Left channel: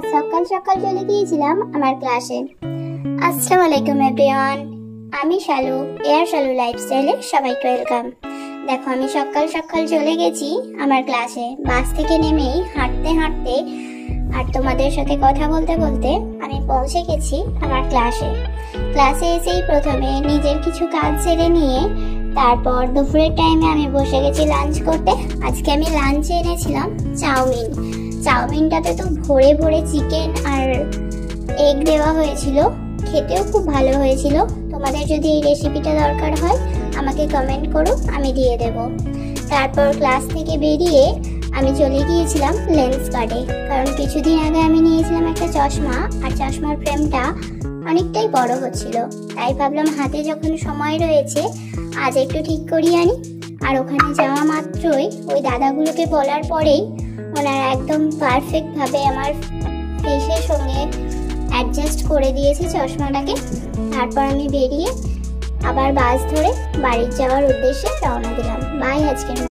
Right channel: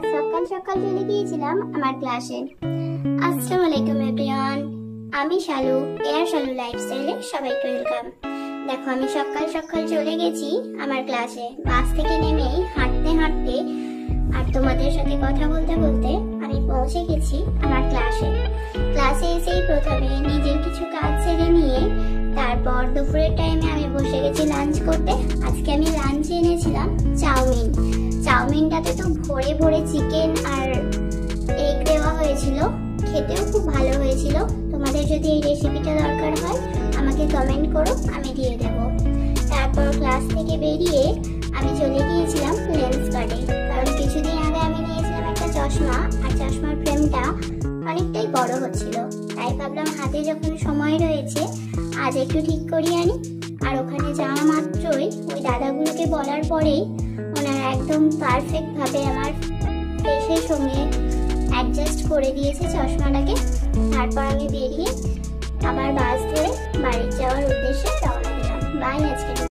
আজ সকাল সকাল চলে গিয়েছিলাম আমার ক্লাসে। আসসালামু আলাইকুম এভরিওয়ান, আমি শালু, এয়ার শালু লাইফস্টাইলে সবাইকে ওয়েলকাম। দেখো আমি সকাল সকাল চলে গেছি আমার ক্লাসে। বাস থেকে নেমেই হাঁটতে হাঁটতে আর তোমাদের সাথে কথা বলতে বলতে আমি পৌঁছে গেছি আমার ক্লাসে এসেই প্রথমে নিজের কিছু কাজ সেরে নিয়ে তারপর দুপুরের টাইমে আমি বসে গেছি লাঞ্চ করতে। আজকে আমি লাঞ্চে এনেছিলাম চাউমিনটাতে তো ভরে ভরে চিকেন আর এগ দেওয়া হয়েছিল, খেতেও খুব ভালো হয়েছিল। তোমাদের যদি এই রেসিপিটা দরকার হয় আমাকে কমেন্ট করো, আমি দিয়ে দেব। তারপর ক্লাস থেকে বেরিয়ে আমি চলে গিয়েছিলাম লেন্স কার্ডে, কারণ কিছুদিন আগে আমি নিয়েছিলাম একটা চশমা, আর চশমার ফ্রেমটা অনেকটাই বড় হচ্ছিল, তাই ভাবলাম হাতে যখন সময় রয়েছে আজ একটু ঠিক করিয়ে আনি। আর ওখানে যাওয়া মাত্রই ওই দাদাগুলোকে বলার পরেই ওনারা একদম পারফেক্ট ভাবে আমার ফেসের সঙ্গে অ্যাডজাস্ট করে দিয়েছে চশমাটাকে। তারপর আমি বেরিয়ে আবার বাস ধরে বাড়ি যাওয়ার উদ্দেশ্যে রওনা দিলাম। বাই আজকে।